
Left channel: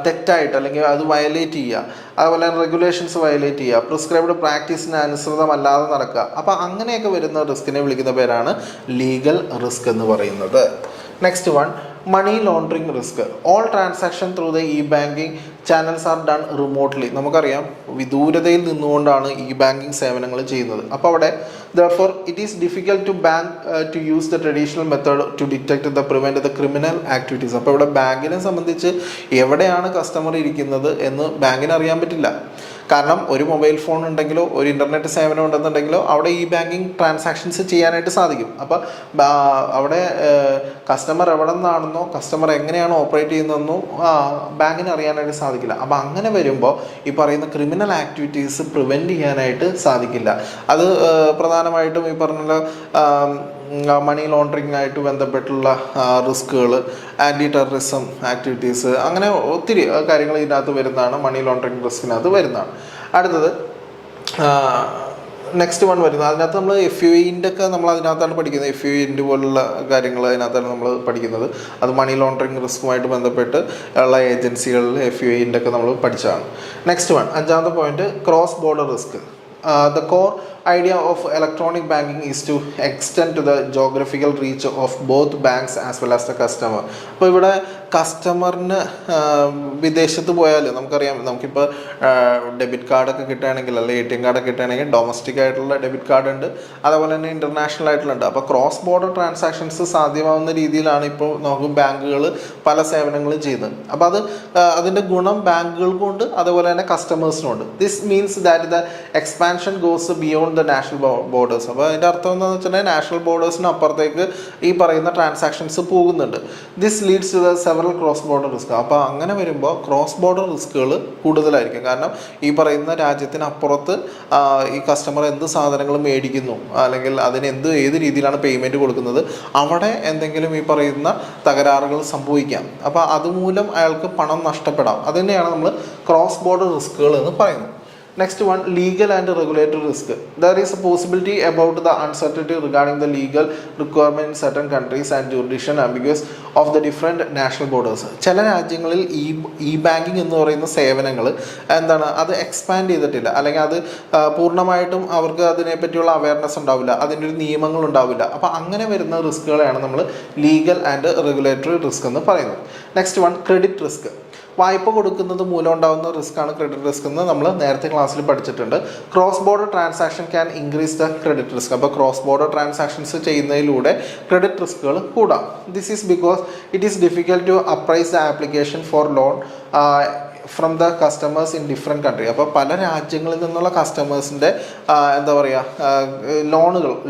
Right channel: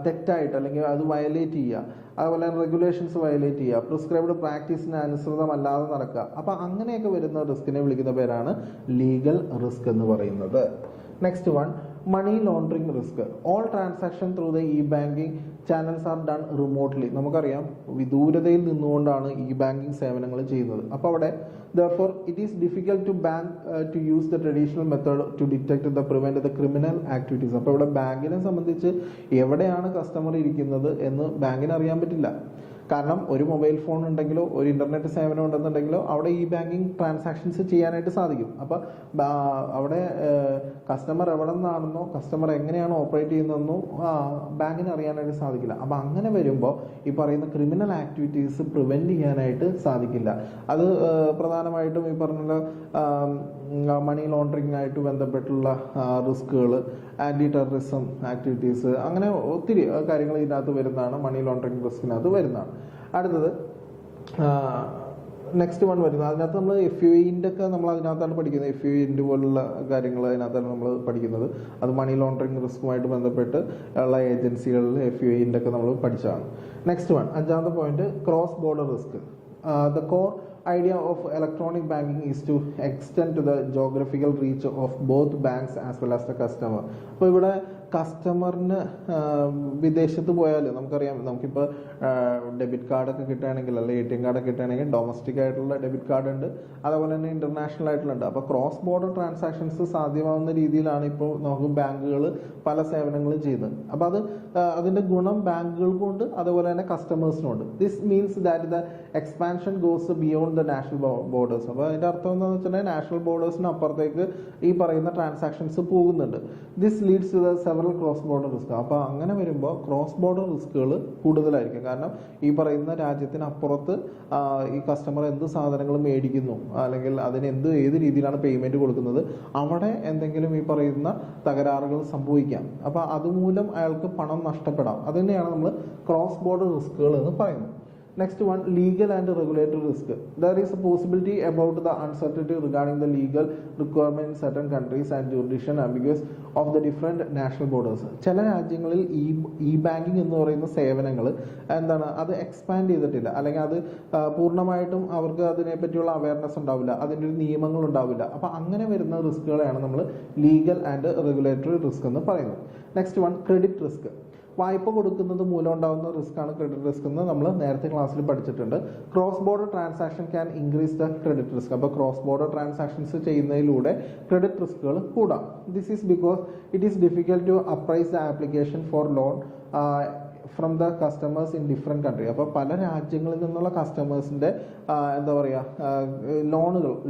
തെറ്റായിട്ട് അല്ലെങ്കിൽ അത് വയലേറ്റ് ചെയ്യുക, അതുപോലെ തന്നെ റെഗുലേഷൻസ് വയലേറ്റ് ചെയ്യുക, പ്രിസ്ക്രൈബ്ഡ് പ്രാക്ടീസിന് അനുസൃതമല്ലാതെ നടക്കുക. അപ്പോൾ അങ്ങനെയൊക്കെ വരുന്ന റിസ്കിനെ വിളിക്കുന്ന പേരാണ് ലീഗൽ റിസ്ക് എന്ന് പറയുന്നത്. Next one, money laundering risk. All transaction through the banking channels are done remotely. നമുക്കറിയാം വിദൂരതയിൽ നിന്നുകൊണ്ടാണ് ബാങ്കിങ് സേവനങ്ങൾ ചെയ്യുന്നത്. അപ്പോൾ അവിടെ therefore it is difficult to use the traditional method to detect the prevent the criminal activities. അപ്പോൾ ഇവിടെ ബാങ്കിനെ സംബന്ധിച്ച് എവിടെയാണ് കസ്റ്റമർ ഇരിക്കുന്നത് എന്ന് ബാങ്കിന് അറിയാൻ പറ്റില്ല. കാരണം ഒരു മൊബൈൽ ഫോൺ ഉണ്ടെങ്കിലോ ഒരു ഇൻ്റർനെറ്റ് സേവനം ഉണ്ടെന്നുണ്ടെങ്കിലോ അവിടെ ഈ ബാങ്കിങ് ട്രാൻസാക്ഷൻസ് ചെയ്യാനായിട്ട് സാധിക്കും. അപ്പോൾ അവിടെ കസ്റ്റമർ എവിടെ നിന്നാണെന്നോ കസ്റ്റമർ എങ്ങനെയാണോ ഓപ്പറേറ്റ് ചെയ്യുന്നതെന്നോ ബാങ്കിന് അറിയാനായിട്ട് സാധിക്കില്ല. അപ്പോൾ അങ്ങനെ വരുമ്പോൾ ഈ പറയുന്ന ക്രിമിനൽ ആക്ടിവിറ്റീസ് പ്രിവെൻറ്റ് ചെയ്യാനായിട്ട് സാധിക്കില്ല. അത് പ്രധാനമായിട്ടും ഈ പറഞ്ഞ മണി ലോണ്ടറിങ് ആയിട്ട് ബന്ധപ്പെട്ടുള്ള റിസ്കുകൾ, ആൻറ്റി ടെററിസം ആക്ടിവിറ്റീസ്, അങ്ങനെ ഒത്തിരി കാര്യങ്ങൾ ഇതിനകത്ത് വരുന്നതാണ്, മണി ലോണ്ടറിങ് റിസ്കിനകത്ത് വരുന്നതാണ്. അടുത്തത് നെക്സ്റ്റ് വൺ വരുന്നത് അതിനകത്ത് നമ്മൾ FUIൻ്റെ ഒക്കെ നമ്മൾ അതിനകത്താണ് പഠിക്കുന്നത്. FUIൻ്റെ പോലുള്ള കാര്യങ്ങൾ അതിനകത്താണ് നമ്മൾ പഠിക്കുന്നത്. അത് മണി ലോണ്ടറിങ് റിസ്കുമായിട്ട് ബന്ധപ്പെട്ട് ഉള്ള ഏജൻസികളിൽ FUIൻ്റെ ഒക്കെ നമ്മൾ പഠിച്ചതാണ്. നെക്സ്റ്റ് വൺ, അഞ്ചാമത്തെ point, cross border risk. The core idea of electronic banking is to extend to the geographical reach of both banks as well as the customer. അപ്പോൾ ഇവിടെ കസ്റ്റമറിന് വിദേശത്ത് പോയാൽ നമുക്കറിയാം, നമുക്കിപ്പോൾ ഡെബിറ്റ് കാർഡൊക്കെ കിട്ടുകയാണെങ്കിൽ അല്ലെങ്കിൽ ATM കാർഡൊക്കെ കിട്ടുകയാണെങ്കിൽ ഡൊമസ്റ്റിക് ആയിട്ടുള്ള ഡെബിറ്റ് കാർഡ് ഉണ്ട്, അതേപോലെ തന്നെ ഇൻ്റർനാഷണൽ ആയിട്ടുള്ള. അപ്പോൾ ക്രോസ് ബോർഡർ ട്രാൻസാക്ഷൻസ് സാധ്യമാവുന്ന രീതിയിലാണ് ഇപ്പോൾ നമുക്ക് ബാങ്കുകൾ പല സേവനങ്ങളും ചെയ്യുന്നത്. അപ്പോൾ അതിൻ്റെ ഗുണം ബാങ്കുകൾക്കുണ്ട്, അതേപോലെ തന്നെ കസ്റ്റമേഴ്സിനുണ്ട്. This means that the expansion goes beyond the national borders. അപ്പോൾ അതിൻ്റെ അർത്ഥം എന്താണെന്ന് വെച്ചിട്ടുണ്ടെങ്കിൽ നാഷണൽ ബോർഡേഴ്സിന് അപ്പുറത്തേക്ക് ഈ പറയുന്ന ട്രാൻസാക്ഷൻസ് പോകുന്നുണ്ട്. This leads to the several cross border risk. അപ്പോൾ അങ്ങനെ വരുമ്പോൾ ക്രോസ് ബോർഡർ റിസ്കുകൾ കൂടുതലായിരിക്കും. കാരണം ഈ പറയുന്ന രാജ്യത്തിനപ്പുറത്ത് ഈ കസ്റ്റമർ എന്ത് സാധനങ്ങൾ മേടിക്കുന്നു അല്ലെങ്കിൽ അതിന് ഏത് രീതിയിലാണ് പേയ്മെൻറ്റ് കൊടുക്കുന്നത്, അവിടെ എന്തെങ്കിലും ഈ പറയുന്ന തകരാറുകൾ സംഭവിക്കാം. അപ്പോൾ അതുമൂലം അയാൾക്ക് പണം നഷ്ടപ്പെടാം. അത് തന്നെയാണ് നമ്മൾ ക്രോസ് ബോർഡർ റിസ്കുകൾ എന്ന് പറയുന്നത്. Next one, legal and regulatory risk. There is a possibility about the uncertainty regarding the legal requirement in certain countries and jurisdiction ambiguous of the different national borders. ചില രാജ്യങ്ങളിൽ ഈ ബാങ്കിങ് എന്ന് പറയുന്ന സേവനങ്ങൾ അത് എക്സ്പാൻഡ് ചെയ്തിട്ടില്ല, അല്ലെങ്കിൽ അത് പൂർണ്ണമായിട്ടും അവർക്ക് അതിനെപ്പറ്റിയുള്ള അവയർനെസ് ഉണ്ടാവില്ല, അതിൻ്റെ ഒരു നിയമങ്ങൾ ഉണ്ടാവില്ല. അപ്പോൾ അങ്ങനെ വരുന്ന റിസ്കുകളെയാണ് നമ്മൾ ലീഗൽ ആൻഡ് റെഗുലേറ്ററി റിസ്ക് എന്ന് പറയുന്നത്. Next one, credit risk. വായ്പ കൊടുക്കുന്നത് മൂലം ഉണ്ടാകുന്ന റിസ്ക്കാണ് ക്രെഡിറ്റ് റിസ്ക് എന്ന് നമ്മൾ നേരത്തെ ക്ലാസ്സിൽ പഠിച്ചിട്ടുണ്ട്. Cross border transaction can increase the credit risk. അപ്പോൾ ക്രോസ് ബോർഡർ ട്രാൻസാക്ഷൻസ് ചെയ്യുന്നതിലൂടെ ക്രെഡിറ്റ് റിസ്കുകൾ കൂടാം. This is because it is difficult to appraise the application for loan from the customers in different country. അപ്പോൾ പല രാജ്യങ്ങളിൽ നിന്നുള്ള കസ്റ്റമേഴ്സിൻ്റെ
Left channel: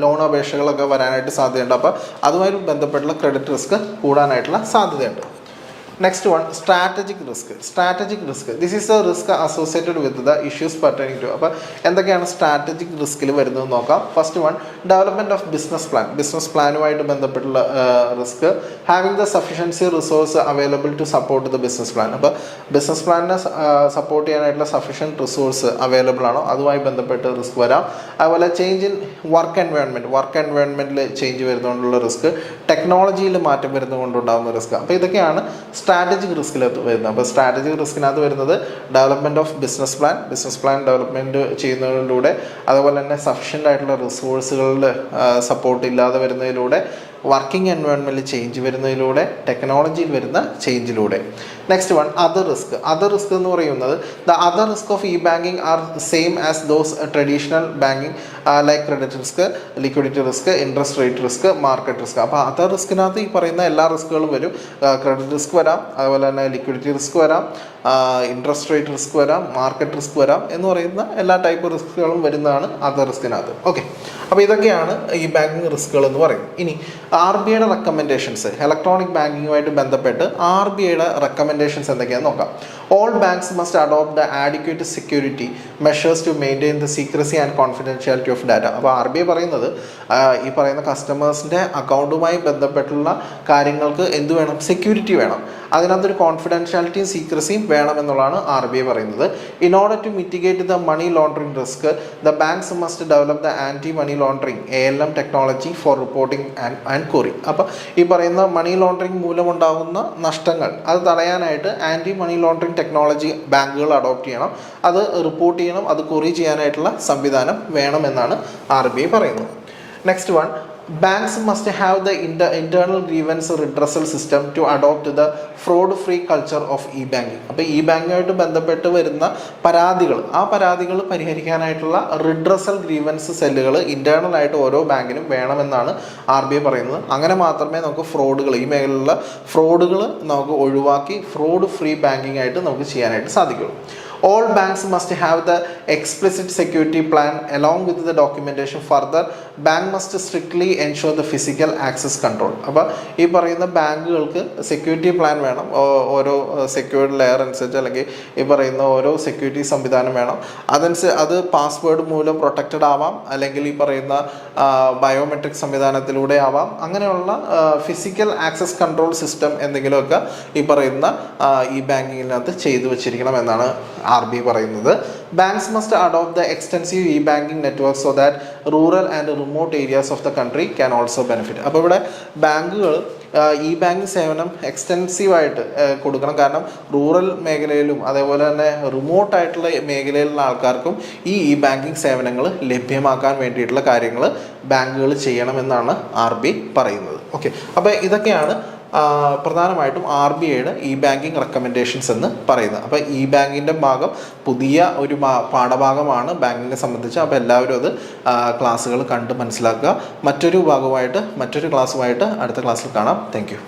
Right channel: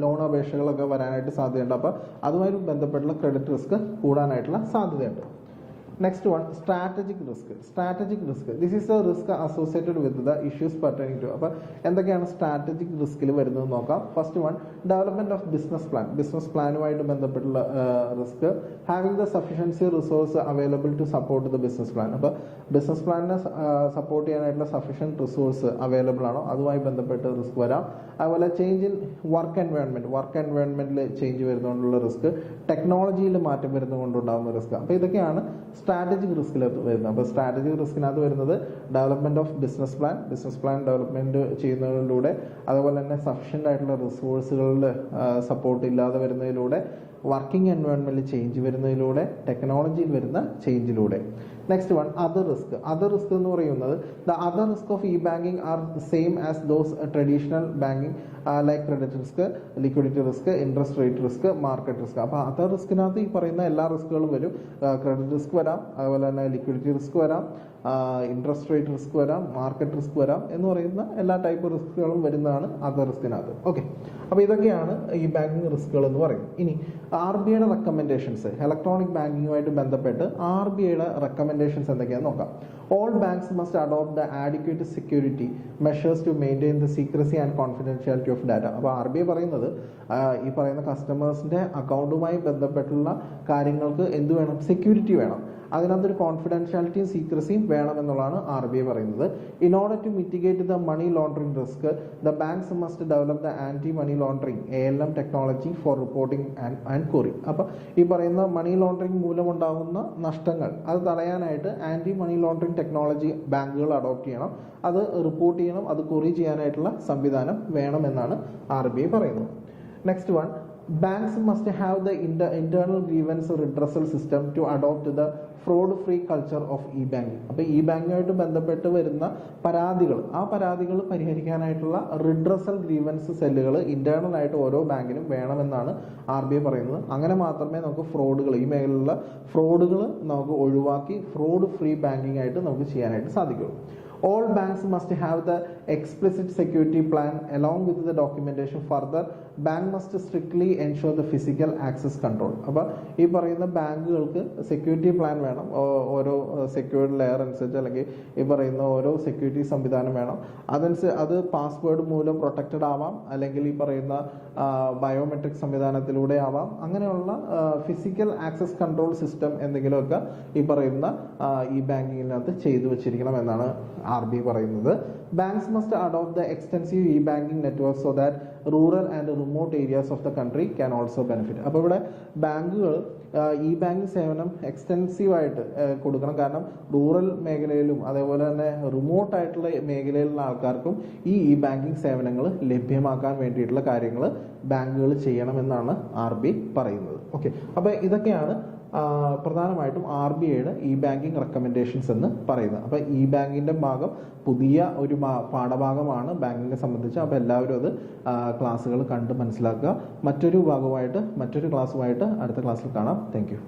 ലോൺ അപേക്ഷകളൊക്കെ വരാനായിട്ട് സാധ്യതയുണ്ട്. അപ്പോൾ അതുമായി ബന്ധപ്പെട്ടുള്ള ക്രെഡിറ്റ് റിസ്ക് കൂടാനായിട്ടുള്ള സാധ്യതയുണ്ട്. Next one, strategic risk. Strategic risk, this is a risk associated with the issues pertaining to. അപ്പോൾ എന്തൊക്കെയാണ് സ്ട്രാറ്റജിക് റിസ്കിൽ വരുന്നത് നോക്കാം. First one, development of business plan. Business പ്ലാനുമായിട്ട് ബന്ധപ്പെട്ടുള്ള risk. Having the sufficiency resource available to support the business plan. അപ്പോൾ ബിസിനസ് പ്ലാനിനെ സപ്പോർട്ട് ചെയ്യാനായിട്ടുള്ള സഫിഷ്യൻറ്റ് റിസോഴ്സ് അവൈലബിൾ ആണോ, അതുമായി ബന്ധപ്പെട്ട് റിസ്ക് വരാം. അതുപോലെ ചേഞ്ച് ഇൻ വർക്ക് എൻവയോൺമെൻറ്റിൽ ചേഞ്ച് വരുന്നതുകൊണ്ടുള്ള റിസ്ക്. ടെക്നോളജിയിൽ മാറ്റം വരുന്നതുകൊണ്ടുണ്ടാകുന്ന റിസ്ക്. അപ്പോൾ ഇതൊക്കെയാണ് സ്ട്രാറ്റജിക് റിസ്കിനകത്ത് വരുന്നത്. അപ്പോൾ സ്ട്രാറ്റജിക് റിസ്കിനകത്ത് വരുന്നത് development of business plan development ചെയ്യുന്നതിലൂടെ, അതുപോലെ തന്നെ സഫിഷ്യൻ്റ് ആയിട്ടുള്ള റിസോഴ്സുകളിൽ സപ്പോർട്ട് ഇല്ലാതെ വരുന്നതിലൂടെ, വർക്കിംഗ് എൻവയോൺമെൻറ്റിൽ ചേഞ്ച് വരുന്നതിലൂടെ, ടെക്നോളജിയിൽ വരുന്ന ചേഞ്ചിലൂടെ. Next one, other risk. Other risk എന്ന് പറയുന്നത് the other risk of e banking are same as those traditional banking like credit risk, liquidity risk, interest rate risk, market risk. അപ്പോൾ അതർ റിസ്കിനകത്ത് ഈ പറയുന്ന എല്ലാ റിസ്കുകളും വരും. ക്രെഡിറ്റ് റിസ്ക് വരാം, അതുപോലെ തന്നെ ലിക്വിഡിറ്റി റിസ്ക് വരാം, ഇൻട്രസ്റ്റ് റേറ്റ് റിസ്ക് വരാം, മാർക്കറ്റ് റിസ്ക് വരാം എന്ന് പറയുന്ന എല്ലാ ടൈപ്പ് റിസ്കുകളും വരുന്നതാണ് അതർ റിസ്കിനകത്ത്. ഓക്കെ, അപ്പോൾ ഇതൊക്കെയാണ് ഈ ബാങ്കിങ് റിസ്കുകൾ എന്ന് പറയുന്നത്. ഇനി RBIയുടെ റെക്കമെൻഡേഷൻസ്, ഇലക്ട്രോണിക് ബാങ്കിങ്ങുമായിട്ട് ബന്ധപ്പെട്ട് RBIയുടെ റെക്കമെൻഡേഷൻസ് എന്തൊക്കെയാണെന്ന് നോക്കാം. All banks must adopt the adequate security measures to maintain the secrecy and confidentiality of data. അപ്പോൾ RBI പറയുന്നത് ഈ പറയുന്ന കസ്റ്റമേഴ്സിൻ്റെ അക്കൗണ്ടുമായി ബന്ധപ്പെട്ടുള്ള കാര്യങ്ങൾക്ക് എന്ത് വേണം, സെക്യൂരിറ്റി വേണം. അതിനകത്തൊരു കോൺഫിഡൻഷ്യാലിറ്റിയും സീക്രസിയും വേണമെന്നുള്ളതാണ് RBI പറയുന്നത്. In order to mitigate the money laundering risk, the banks must develop the anti money laundering ALM technology for reporting and query. അപ്പോൾ ഈ പറയുന്ന മണി ലോണ്ടറിങ് മൂലമുണ്ടാകുന്ന നഷ്ടങ്ങൾ അത് തടയാനായിട്ട് ആൻറ്റി മണി ലോണ്ടറിങ് ടെക്നോളജി ബാങ്കുകൾ അഡോപ്റ്റ് ചെയ്യണം, അത് റിപ്പോർട്ട് ചെയ്യണം, അത് ക്വറി ചെയ്യാനായിട്ടുള്ള സംവിധാനം വേണമെന്നാണ് RBI പറയുന്നത്. Next one, banks must have the internal grievance redressal system to adopt the fraud free culture of e-banking. അപ്പോൾ ഈ ബാങ്കുമായിട്ട് ബന്ധപ്പെട്ട് വരുന്ന പരാതികൾ പരിഹരിക്കാനായിട്ടുള്ള റിഡ്രസൽ ഗ്രീവൻസ് സെല്ലുകൾ ഇന്റേണൽ ആയിട്ട് ഓരോ ബാങ്കിനും വേണമെന്നാണ് RBI പറയുന്നത്. അങ്ങനെ മാത്രമേ നമുക്ക് ഈ മേഖലയിലുള്ള ഫ്രോഡുകൾ നമുക്ക് ഒഴിവാക്കി ഫ്രോഡ് ഫ്രീ ബാങ്കിങ് ആയിട്ട് നമുക്ക് ചെയ്യാനായിട്ട് സാധിക്കുള്ളൂ. All banks must have the explicit security plan along with the documentation. Further, bank must strictly ensure the physical access control. അപ്പോൾ ഈ പറയുന്ന ബാങ്കുകൾക്ക് സെക്യൂരിറ്റി പ്ലാൻ വേണം, ഓരോ സെക്യൂരിറ്റി ലെയർ അനുസരിച്ച്, അല്ലെങ്കിൽ ഈ പറയുന്ന ഓരോ സെക്യൂരിറ്റി സംവിധാനം വേണം. അത് പാസ്വേഡ് മൂലം പ്രൊട്ടക്റ്റഡ് ആവാം, അല്ലെങ്കിൽ ഈ പറയുന്ന ബയോമെട്രിക് സംവിധാനത്തിലൂടെ ആവാം. അങ്ങനെയുള്ള ഫിസിക്കൽ ആക്സസ് കൺട്രോൾ സിസ്റ്റം എന്തെങ്കിലുമൊക്കെ ഈ പറയുന്ന ഈ ബാങ്കിങ്ങിനകത്ത് ചെയ്തു വെച്ചിരിക്കണം എന്നാണ് RB പറയുന്നത്. Banks must adopt the extensive E banking network so that rural and remote areas of the country can also benefit. അപ്പോൾ ഇവിടെ ബാങ്കുകൾ ഇ ബാങ്കിങ് സേവനം എക്സ്റ്റെൻസീവായിട്ട് കൊടുക്കണം. കാരണം റൂറൽ മേഖലയിലും അതേപോലെ തന്നെ റിമോട്ടായിട്ടുള്ള മേഖലയിലുള്ള ആൾക്കാർക്കും ഈ ബാങ്കിങ് സേവനങ്ങൾ ലഭ്യമാക്കാൻ വേണ്ടിയിട്ടുള്ള കാര്യങ്ങൾ ബാങ്കുകൾ ചെയ്യണമെന്നാണ് RB പറയുന്നത്. ഓക്കെ, അപ്പോൾ ഇതൊക്കെയാണ് പ്രധാനമായിട്ടും RBIയുടെ ഇ ബാങ്കിങ് റെക്കമെൻഡേഷൻസ് എന്ന് പറയുന്നത്. അപ്പോൾ ഇ ബാങ്കിൻ്റെ ഭാഗം പുതിയ ഒരു പാഠഭാഗമാണ് ബാങ്കിങ്ങിനെ സംബന്ധിച്ച്. അപ്പോൾ എല്ലാവരും അത് ക്ലാസ്സുകൾ കണ്ട് മനസ്സിലാക്കുക. മറ്റൊരു ഭാഗമായിട്ട് മറ്റൊരു ക്ലാസ്സുമായിട്ട് അടുത്ത ക്ലാസ്സിൽ കാണാം. താങ്ക്